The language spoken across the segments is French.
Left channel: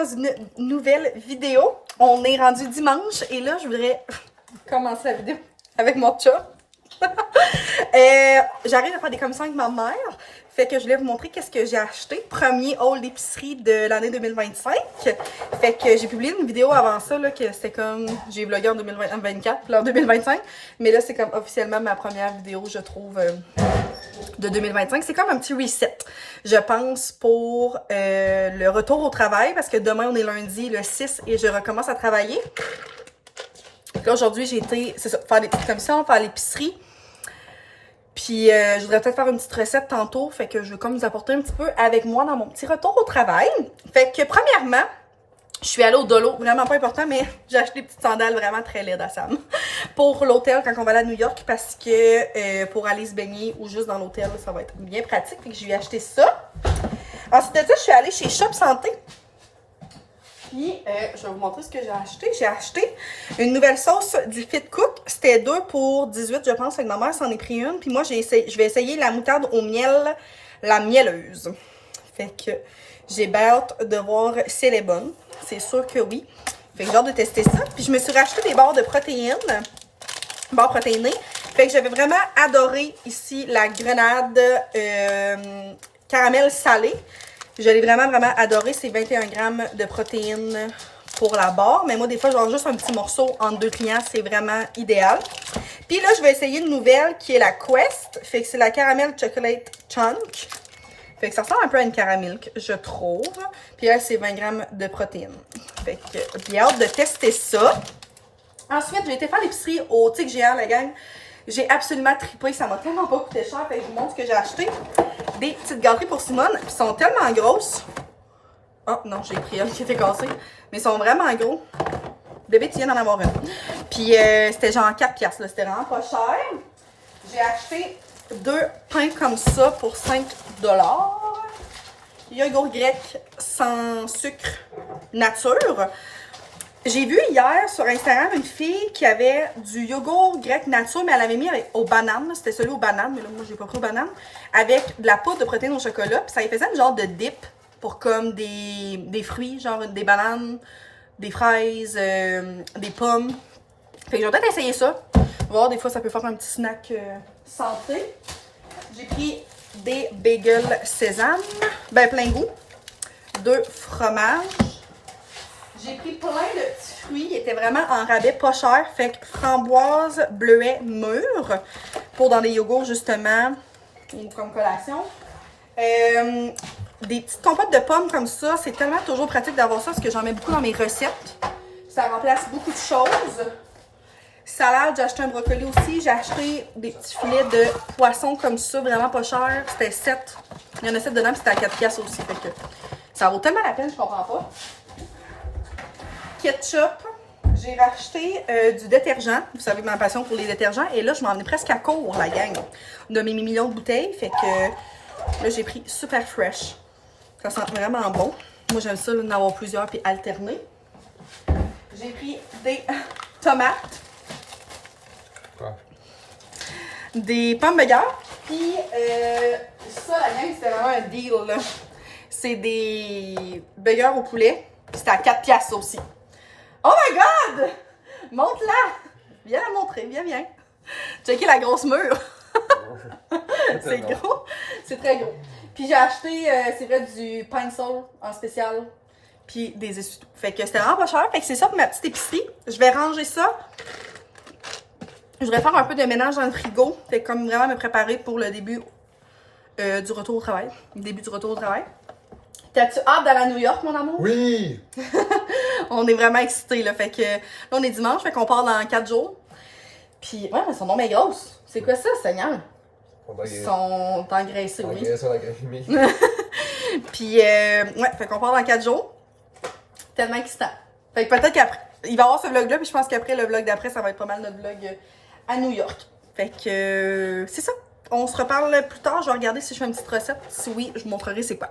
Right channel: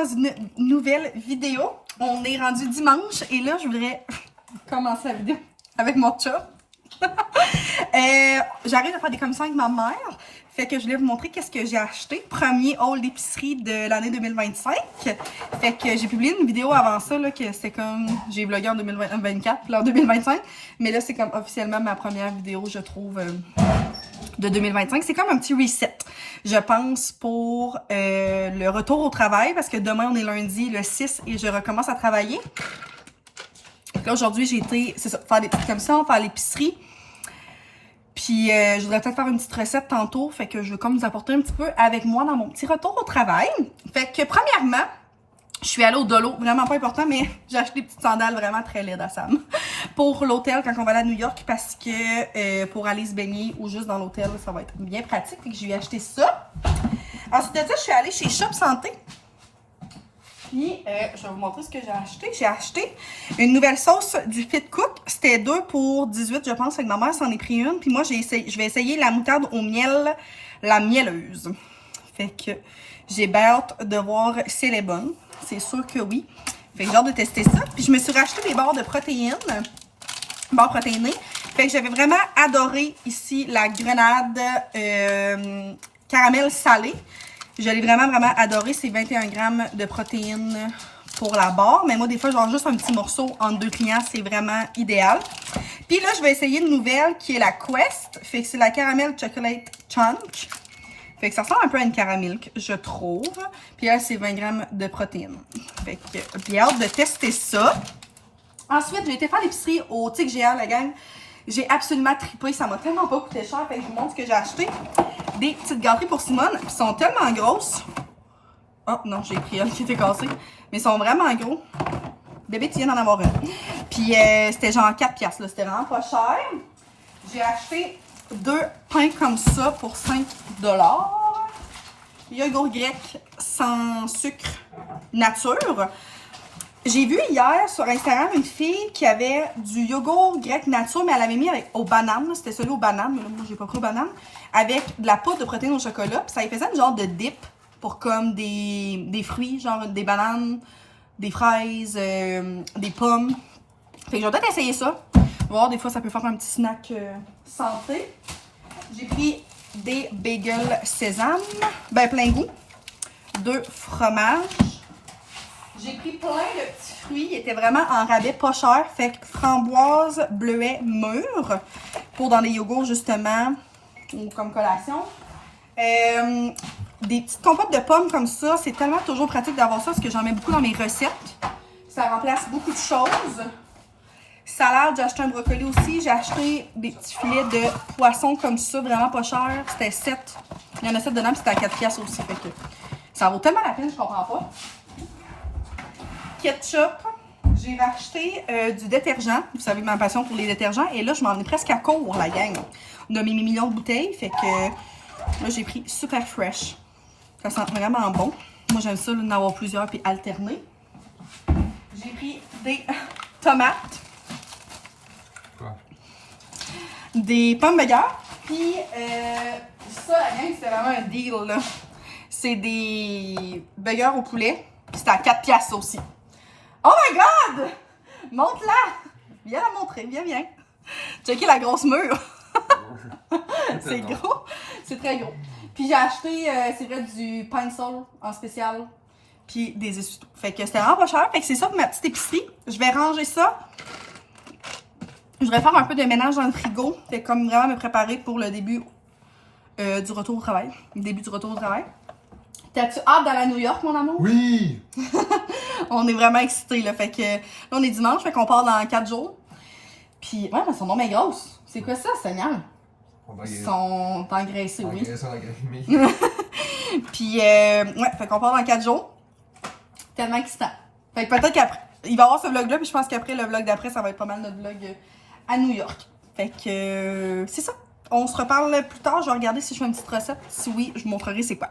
dans une nouvelle vidéo. On est rendu dimanche et là, je voudrais commencer la vidéo avec mon chat. J'arrive à faire des commissions avec ma mère. Fait que je voulais vous montrer qu'est-ce que j'ai acheté. Premier haul d'épicerie de l'année 2025. Fait que j'ai publié une vidéo avant ça, là, que c'était comme... J'ai vlogué en 2024, puis là en 2025. Mais là, c'est comme officiellement ma première vidéo, je trouve, de 2025. C'est comme un petit reset, je pense, pour le retour au travail. Parce que demain, on est lundi, le 6, et je recommence à travailler. Là, aujourd'hui, j'ai été, c'est ça, faire des petites commissions, faire l'épicerie. Puis, je voudrais peut-être faire une petite recette tantôt. Fait que je veux comme vous apporter un petit peu avec moi dans mon petit retour au travail. Fait que, premièrement, je suis allée au Dolo. Vraiment pas important, mais j'ai acheté des petites sandales vraiment très laides à Sam. Pour l'hôtel, quand on va aller à New York, parce que pour aller se baigner ou juste dans l'hôtel, ça va être bien pratique. Fait que j'ai acheté ça. Ensuite de ça, je suis allée chez Shop Santé. Puis, je vais vous montrer ce que j'ai acheté. J'ai acheté une nouvelle sauce du Fit Cook. C'était 2 pour 18, je pense. Avec ma mère s'en est pris une. Puis moi, je vais essayer la moutarde au miel, la mielleuse. Fait que j'ai bien hâte de voir si elle est bonne. C'est sûr que oui. Fait que j'ai hâte de tester ça. Puis je me suis racheté des barres de protéines. Barres protéinées. Fait que j'avais vraiment adoré ici la grenade caramel salé. Je l'ai vraiment, vraiment adoré. C'est 21 grammes de protéines pour la barre. Mais moi, des fois, genre juste un petit morceau entre 2 clients, c'est vraiment idéal. Puis là, je vais essayer une nouvelle qui est la Quest. Fait que c'est la Caramel Chocolate Chunk. Fait que ça ressemble un peu à une caramilk, je trouve. Puis là, c'est 20 grammes de protéines. Fait que j'ai hâte de tester ça. Ensuite, j'ai été faire l'épicerie au Tic Géant, la gang. J'ai absolument trippé. Ça m'a tellement pas coûté cher. Fait que je vous montre ce que j'ai acheté. Des petites gâteries pour Simone. Ils sont tellement grosses. Oh non, j'ai pris une qui était cassée. Mais ils sont vraiment gros. Bébé, tu viens d'en avoir une. Puis c'était genre 4 piastres. C'était vraiment pas cher. J'ai acheté 2 pains comme ça pour 5 $. Yogourt grec sans sucre nature. J'ai vu hier sur Instagram une fille qui avait du yogourt grec nature, mais elle avait mis aux bananes. C'était celui aux bananes, mais là, moi, j'ai pas pris aux bananes. Avec de la poudre de protéines au chocolat. Puis ça faisait une genre de dip pour comme des fruits, genre des bananes, des fraises, des pommes. Fait que j'ai peut-être essayé ça. Voir, des fois, ça peut faire un petit snack santé. J'ai pris des bagels sésame, ben plein goût. 2 fromages. J'ai pris plein de petits fruits. Ils étaient vraiment en rabais, pas cher. Fait que framboise, bleuet, mûr. Pour dans les yogourts, justement, ou comme collation. Des petites compotes de pommes comme ça. C'est tellement toujours pratique d'avoir ça parce que j'en mets beaucoup dans mes recettes. Ça remplace beaucoup de choses. Salade, j'ai acheté un brocoli aussi. J'ai acheté des petits filets de poisson comme ça, vraiment pas cher. C'était 7. Il y en a 7 dedans, puis c'était à 4 piastres aussi. Fait que ça vaut tellement la peine, je comprends pas. Ketchup, j'ai racheté du détergent. Vous savez ma passion pour les détergents. Et là, je m'en venais presque à court, la gang, de mes millions de bouteilles. Fait que là, j'ai pris Super Fresh. Ça sent vraiment bon. Moi, j'aime ça, d'en avoir plusieurs puis alterner. J'ai pris des tomates. Des pommes de guerre. Puis ça, la gang, c'était vraiment un deal, là. C'est des burgers au poulet. Puis c'était à 4 piastres aussi. Oh my God! Montre-la! Viens la montrer, viens. Checkez la grosse mûre. C'est gros. C'est très gros. Puis j'ai acheté, c'est vrai, du Pine-Sol en spécial. Puis des essuie-tout. Fait que c'était vraiment pas cher. Fait que c'est ça pour ma petite épicerie. Je vais ranger ça. Je vais faire un peu de ménage dans le frigo. Fait comme vraiment me préparer pour le début du retour au travail. Le début du retour au travail. T'as-tu hâte d'aller à New York, mon amour? Oui! On est vraiment excités, là. Fait que là, on est dimanche, fait qu'on part dans 4 jours. Puis, ouais, elles sont non mais grosses. C'est quoi ça, Seigneur? Ils sont engraissés, oui. Puis, ouais, fait qu'on part dans 4 jours. Tellement excitant. Fait que peut-être qu'après, il va y avoir ce vlog-là, puis je pense qu'après, le vlog d'après, ça va être pas mal notre vlog à New York. Fait que, c'est ça. On se reparle plus tard. Je vais regarder si je fais une petite recette. Si oui, je vous montrerai c'est quoi.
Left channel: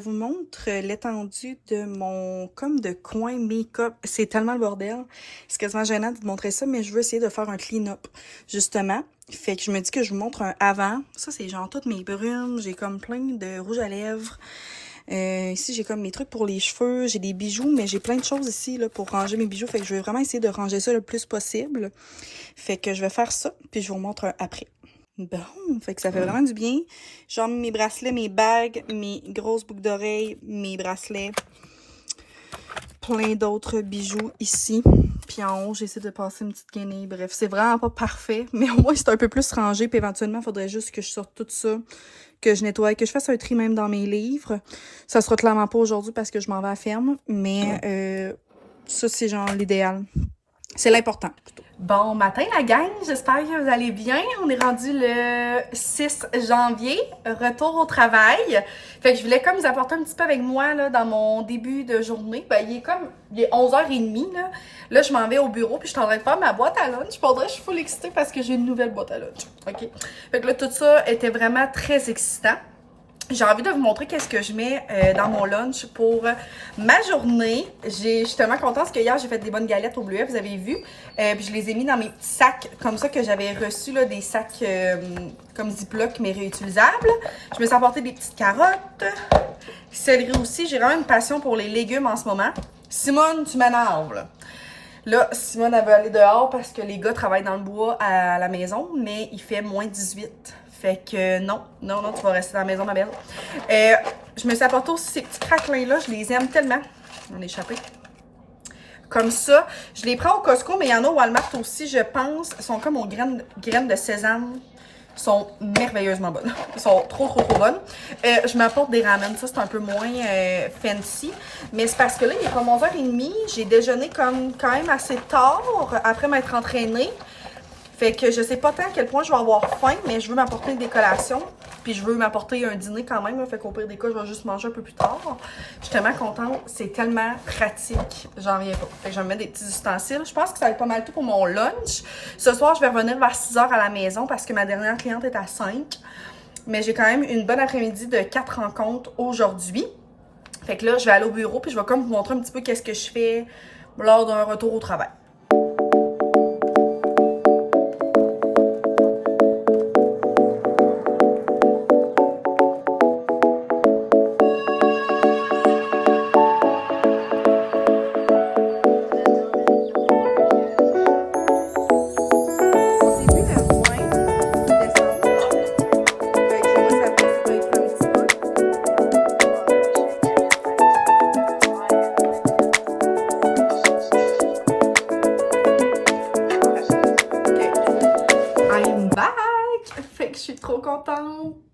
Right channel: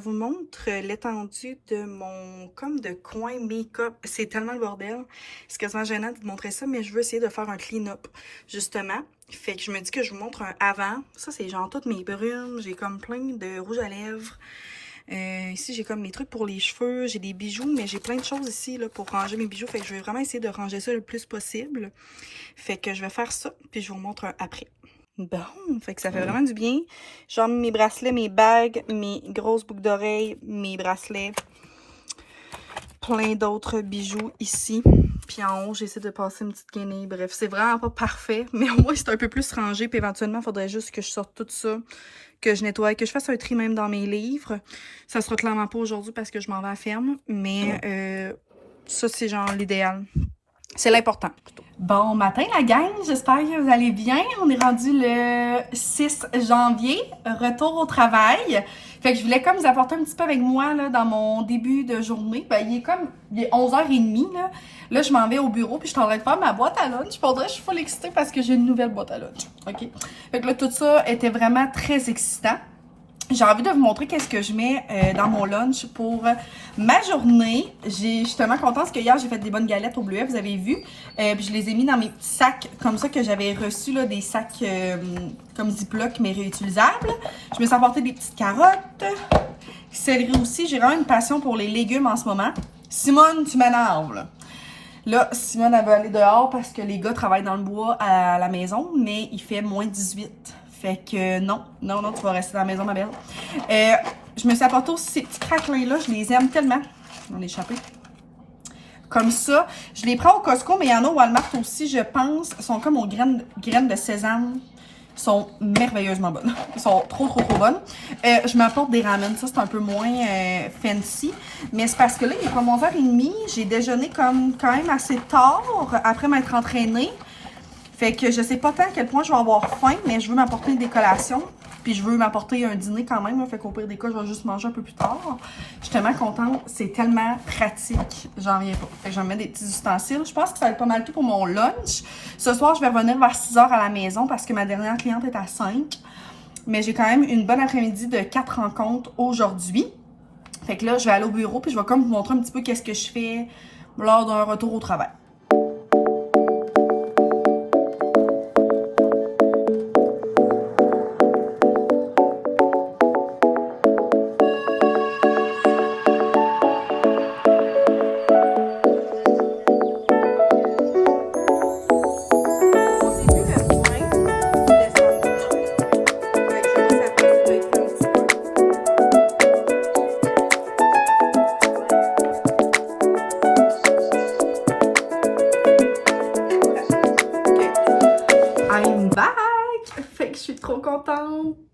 vous montre l'étendue de mon comme de coin make-up. C'est tellement le bordel. C'est quasiment gênant de vous montrer ça, mais je veux essayer de faire un clean-up, justement. Fait que je me dis que je vous montre un avant. Ça, c'est genre toutes mes brumes. J'ai comme plein de rouge à lèvres. Ici, j'ai comme mes trucs pour les cheveux. J'ai des bijoux, mais j'ai plein de choses ici là, pour ranger mes bijoux. Fait que je vais vraiment essayer de ranger ça le plus possible. Fait que je vais faire ça, puis je vous montre un après. Bon, fait que ça fait vraiment du bien. Genre mes bracelets, mes bagues, mes grosses boucles d'oreilles, mes bracelets. Plein d'autres bijoux ici. Puis en haut, j'essaie de passer une petite guenille. Bref, c'est vraiment pas parfait. Mais au moins, c'est un peu plus rangé. Puis éventuellement, il faudrait juste que je sorte tout ça, que je nettoie, que je fasse un tri même dans mes livres. Ça sera clairement pas aujourd'hui parce que je m'en vais à la ferme. Mais ça, c'est genre l'idéal. C'est l'important, plutôt. Bon matin, la gang. J'espère que vous allez bien. On est rendu le 6 janvier. Retour au travail. Fait que je voulais comme vous apporter un petit peu avec moi là, dans mon début de journée. Ben, il est 11h30. Là, je m'en vais au bureau puis je suis en train de faire ma boîte à lunch. Puis on dirait que je suis full excitée parce que j'ai une nouvelle boîte à lunch. OK? Fait que là, tout ça était vraiment très excitant. J'ai envie de vous montrer qu'est-ce que je mets dans mon lunch pour ma journée. Je suis tellement contente parce que hier, j'ai fait des bonnes galettes au bleuet, vous avez vu. Puis je les ai mis dans mes petits sacs comme ça que j'avais reçus, là, des sacs comme Ziploc, mais réutilisables. Je me suis apporté des petites carottes. Céleri aussi. J'ai vraiment une passion pour les légumes en ce moment. Simone, tu m'énerves, là. Là, Simone, elle veut aller dehors parce que les gars travaillent dans le bois à la maison, mais il fait moins 18. Fait que non, tu vas rester dans la maison, ma belle. Je me suis apporté aussi ces petits craquelins-là. Je les aime tellement. On a échappé. Comme ça. Je les prends au Costco, mais il y en a au Walmart aussi, je pense. Ils sont comme aux graines de sésame. Ils sont merveilleusement bonnes. Ils sont trop bonnes. Je m'apporte des ramen. Ça, c'est un peu moins fancy. Mais c'est parce que là, il est comme 11h30. J'ai déjeuné comme quand même assez tard après m'être entraînée. Fait que je sais pas tant à quel point je vais avoir faim, mais je veux m'apporter des collations. Puis je veux m'apporter un dîner quand même. Là, fait qu'au pire des cas, je vais juste manger un peu plus tard. Je suis tellement contente. C'est tellement pratique. J'en reviens pas. Fait que je vais me mettre des petits ustensiles. Je pense que ça va être pas mal tout pour mon lunch. Ce soir, je vais revenir vers 6h à la maison parce que ma dernière cliente est à 5. Mais j'ai quand même une bonne après-midi de 4 rencontres aujourd'hui. Fait que là, je vais aller au bureau puis je vais comme vous montrer un petit peu qu'est-ce que je fais lors d'un retour au travail.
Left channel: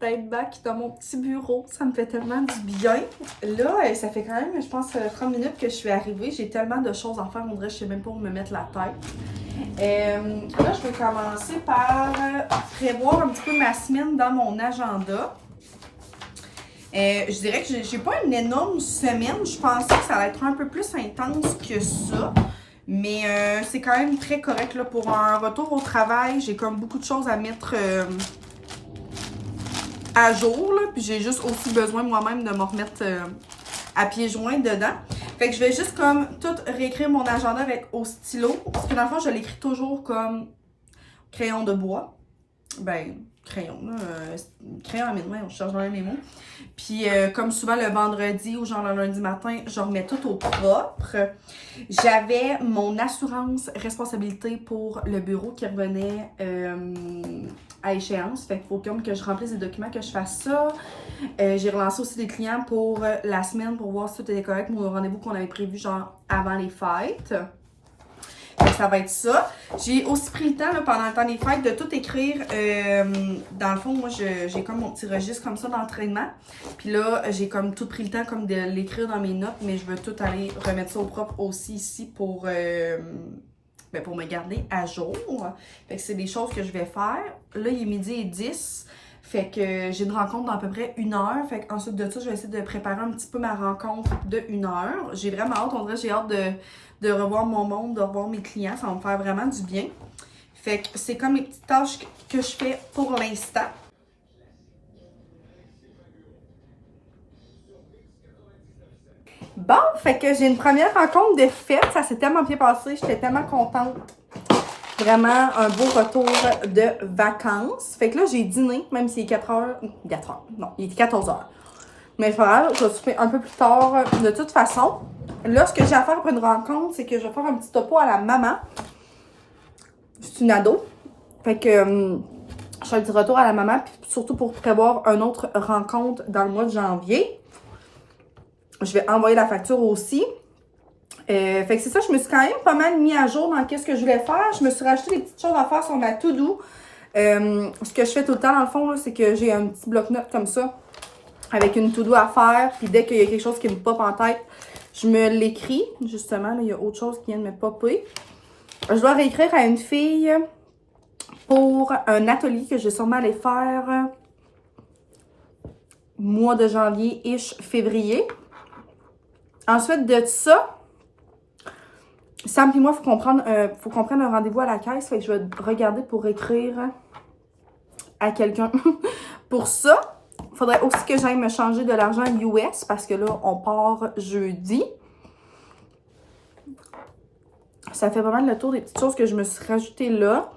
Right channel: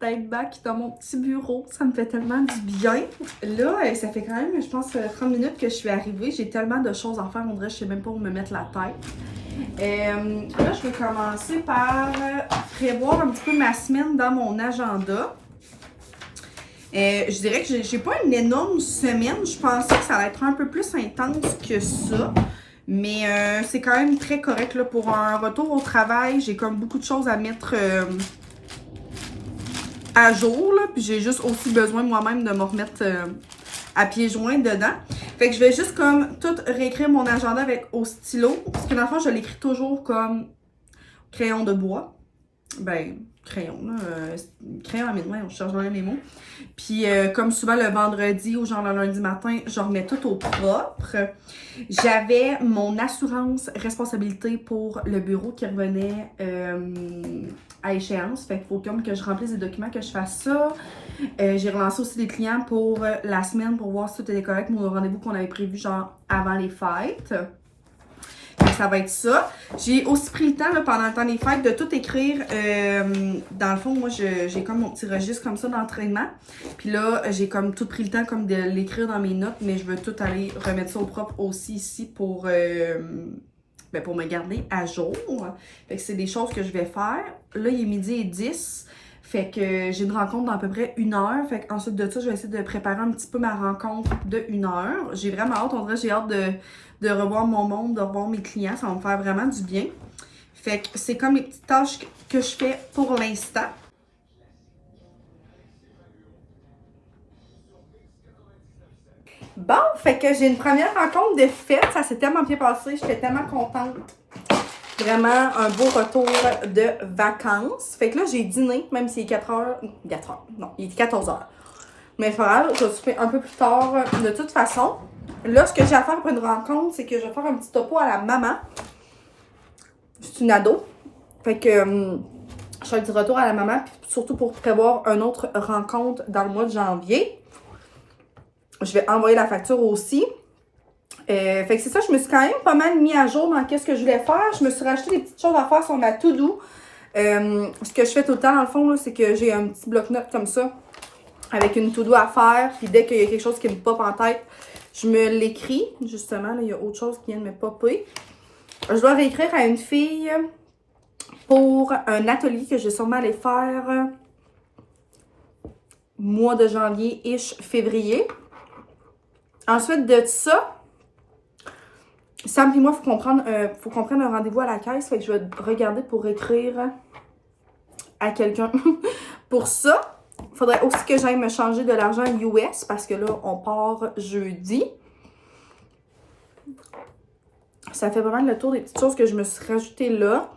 D'être back dans mon petit bureau. Ça me fait tellement du bien. Là, ça fait quand même, je pense, 30 minutes que je suis arrivée. J'ai tellement de choses à faire. On dirait que je sais même pas où me mettre la tête. Là, je vais commencer par prévoir un petit peu ma semaine dans mon agenda. Je dirais que j'ai pas une énorme semaine. Je pensais que ça allait être un peu plus intense que ça. Mais c'est quand même très correct là, pour un retour au travail. J'ai comme beaucoup de choses à mettre à jour, là, puis j'ai juste aussi besoin moi-même de me remettre à pieds joints dedans. Fait que je vais juste comme tout réécrire mon agenda avec au stylo, parce que dans le fond, je l'écris toujours comme crayon de bois. Ben, crayon, là, crayon à mes doigts, on cherche dans mes mots. Puis comme souvent le vendredi ou genre le lundi matin, je remets tout au propre. J'avais mon assurance responsabilité pour le bureau qui revenait à échéance. Fait qu'il faut comme que je remplisse des documents, que je fasse ça. J'ai relancé aussi des clients pour la semaine pour voir si tout était correct. Mon rendez-vous qu'on avait prévu genre avant les fêtes. Donc, ça va être ça. J'ai aussi pris le temps là, pendant le temps des fêtes de tout écrire. Dans le fond, moi, j'ai comme mon petit registre comme ça d'entraînement. Puis là, j'ai comme tout pris le temps comme de l'écrire dans mes notes, mais je veux tout aller remettre ça au propre aussi ici pour me garder à jour. Fait que c'est des choses que je vais faire. Là, il est 12h10. Fait que j'ai une rencontre dans à peu près 1 heure. Fait qu'ensuite de ça, je vais essayer de préparer un petit peu ma rencontre de 1 heure. J'ai vraiment hâte. On dirait j'ai hâte de revoir mon monde, de revoir mes clients. Ça va me faire vraiment du bien. Fait que c'est comme les petites tâches que je fais pour l'instant. Bon, fait que j'ai une première rencontre de fête. Ça s'est tellement bien passé. J'étais tellement contente. Vraiment un beau retour de vacances. Fait que là, j'ai dîné, même s'il est 4 heures. 4 heures. Non, il est 14 heures. Mais c'est pas grave, je vais souper un peu plus tard de toute façon. Là, ce que j'ai à faire pour une rencontre, c'est que je vais faire un petit topo à la maman. C'est une ado. Fait que je fais un petit retour à la maman, puis surtout pour prévoir une autre rencontre dans le mois de janvier. Je vais envoyer la facture aussi. Fait que c'est ça, je me suis quand même pas mal mis à jour dans qu'est-ce que je voulais faire. Je me suis racheté des petites choses à faire sur ma to-do. Ce que je fais tout le temps, dans le fond, c'est que j'ai un petit bloc-notes comme ça, avec une to-do à faire. Puis dès qu'il y a quelque chose qui me pop en tête, je me l'écris. Justement, là, il y a autre chose qui vient de me popper. Je dois réécrire à une fille pour un atelier que je vais sûrement aller faire mois de janvier-ish, février. Ensuite de ça, Sam et moi, faut qu'on prenne un rendez-vous à la caisse. Fait que je vais regarder pour écrire à quelqu'un. Pour ça, il faudrait aussi que j'aille me changer de l'argent US parce que là, on part jeudi. Ça fait vraiment le tour des petites choses que je me suis rajoutées là.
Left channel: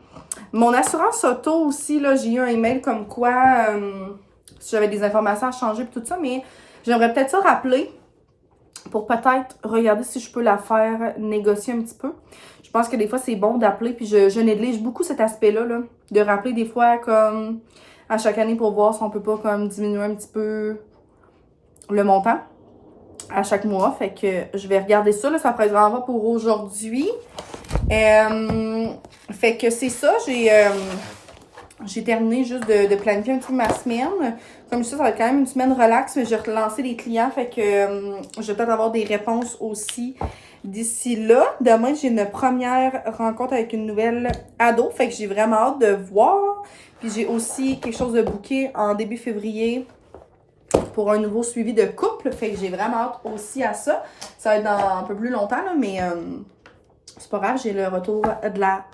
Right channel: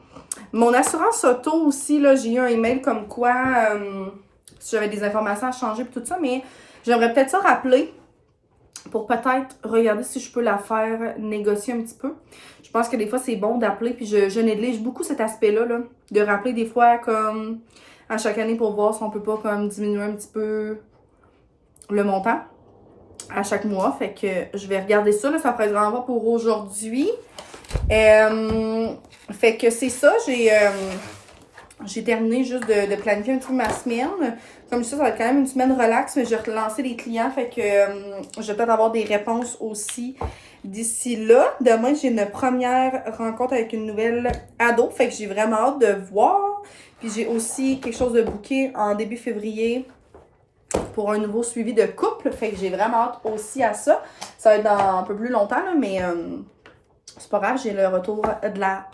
Mon assurance auto aussi, là, j'ai eu un email comme quoi si j'avais des informations à changer et tout ça, mais j'aimerais peut-être ça rappeler pour peut-être regarder si je peux la faire négocier un petit peu. Je pense que des fois, c'est bon d'appeler, puis je néglige beaucoup cet aspect-là, là, de rappeler des fois comme à chaque année pour voir si on peut pas comme diminuer un petit peu le montant à chaque mois. Fait que je vais regarder ça, là, ça pourrait être vraiment pour aujourd'hui. Fait que c'est ça, j'ai terminé juste de planifier un petit peu ma semaine. Comme ça, ça va être quand même une semaine relax, mais j'ai relancé les clients, fait que je vais peut-être avoir des réponses aussi d'ici là. Demain, j'ai une première rencontre avec une nouvelle ado, fait que j'ai vraiment hâte de voir. Puis j'ai aussi quelque chose de booké en début février pour un nouveau suivi de couple, fait que j'ai vraiment hâte aussi à ça. Ça va être dans un peu plus longtemps, là, mais c'est pas grave, j'ai le retour de la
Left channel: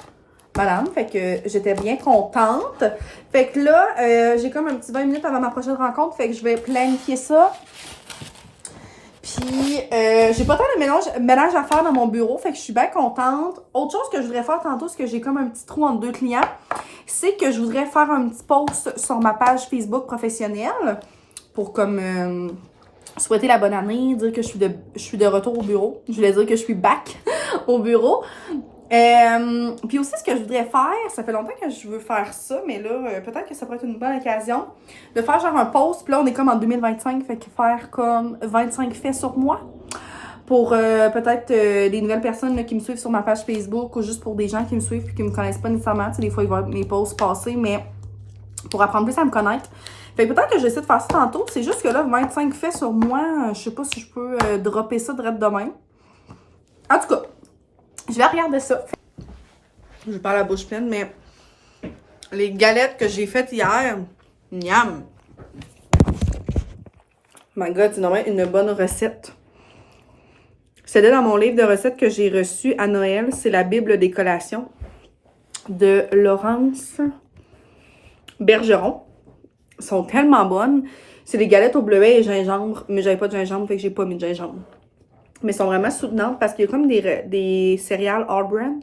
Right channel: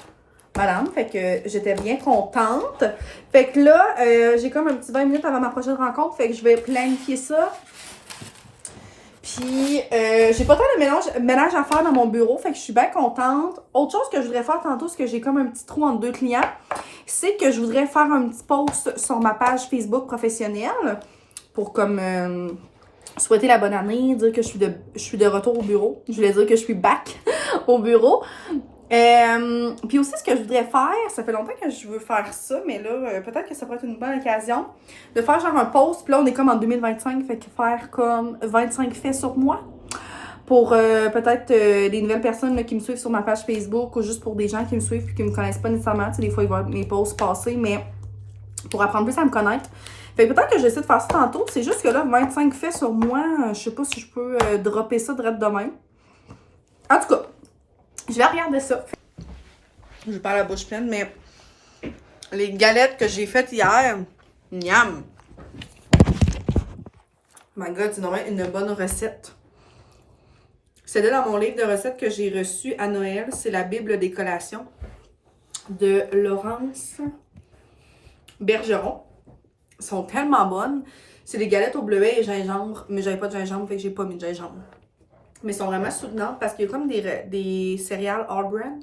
madame, fait que j'étais bien contente. Fait que là, j'ai comme un petit 20 minutes avant ma prochaine rencontre, fait que je vais planifier ça. Puis, j'ai pas tant de ménage à faire dans mon bureau, fait que je suis bien contente. Autre chose que je voudrais faire tantôt, c'est que j'ai comme un petit trou entre deux clients, c'est que je voudrais faire un petit post sur ma page Facebook professionnelle pour comme souhaiter la bonne année, dire que je suis de retour au bureau. Je voulais dire que je suis back au bureau. Puis aussi, ce que je voudrais faire, ça fait longtemps que je veux faire ça, mais là, peut-être que ça pourrait être une bonne occasion de faire genre un post. Puis là, on est comme en 2025, fait que faire comme 25 faits sur moi pour peut-être des nouvelles personnes là, qui me suivent sur ma page Facebook ou juste pour des gens qui me suivent et qui me connaissent pas nécessairement. Tu sais, des fois, ils voient mes posts passer, mais pour apprendre plus à me connaître. Fait que peut-être que j'essaie de faire ça tantôt. C'est juste que là, 25 faits sur moi, je sais pas si je peux dropper ça direct demain. En tout cas, je vais regarder ça. Je parle à la bouche pleine, mais les galettes que j'ai faites hier, miam! My God, c'est normalement une bonne recette. C'était dans mon livre de recettes que j'ai reçu à Noël. C'est la Bible des collations de Laurence Bergeron. Elles sont tellement bonnes. C'est des galettes au bleuet et gingembre, mais j'avais pas de gingembre, fait que j'ai pas mis de gingembre. Mais elles sont vraiment soutenantes parce qu'il y a comme des céréales all brand.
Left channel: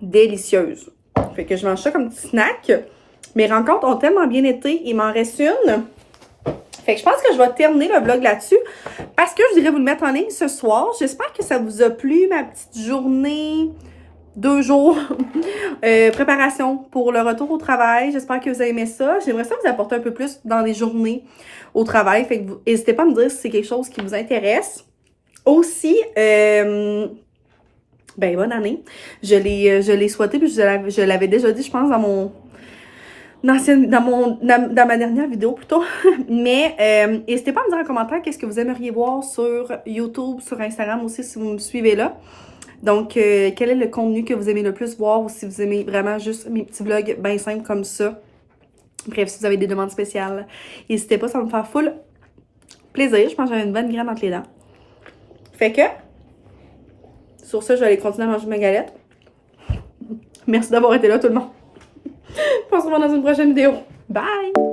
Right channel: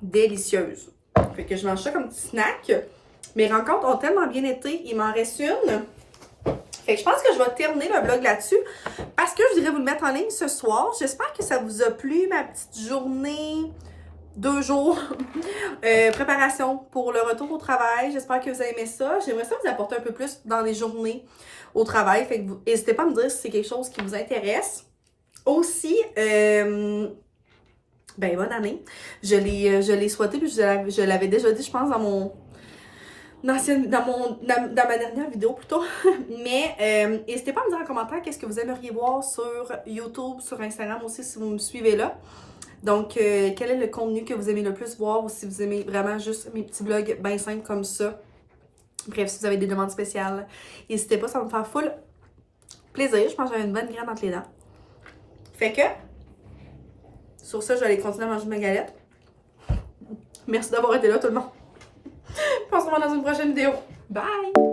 Délicieuses. Fait que je mange ça comme petit snack. Mes rencontres ont tellement bien été. Il m'en reste une. Fait que je pense que je vais terminer le vlog là-dessus parce que je dirais vous le mettre en ligne ce soir. J'espère que ça vous a plu, ma petite journée. 2 jours préparation pour le retour au travail. J'espère que vous avez aimé ça. J'aimerais ça vous apporter un peu plus dans les journées au travail. Fait que n'hésitez pas à me dire si c'est quelque chose qui vous intéresse. Aussi, ben bonne année. Je l'ai souhaité, puis je l'avais déjà dit, je pense, dans ma dernière vidéo plutôt. Mais n'hésitez pas à me dire en commentaire qu'est-ce que vous aimeriez voir sur YouTube, sur Instagram aussi si vous me suivez là. Donc, quel est le contenu que vous aimez le plus voir ou si vous aimez vraiment juste mes petits vlogs bien simples comme ça. Bref, si vous avez des demandes spéciales, n'hésitez pas, ça va me faire full plaisir. Je pense que j'avais une bonne graine entre les dents. Fait que, sur ça, je vais aller continuer à manger ma galette. Merci d'avoir été là tout le monde. On se revoit dans une prochaine vidéo. Bye!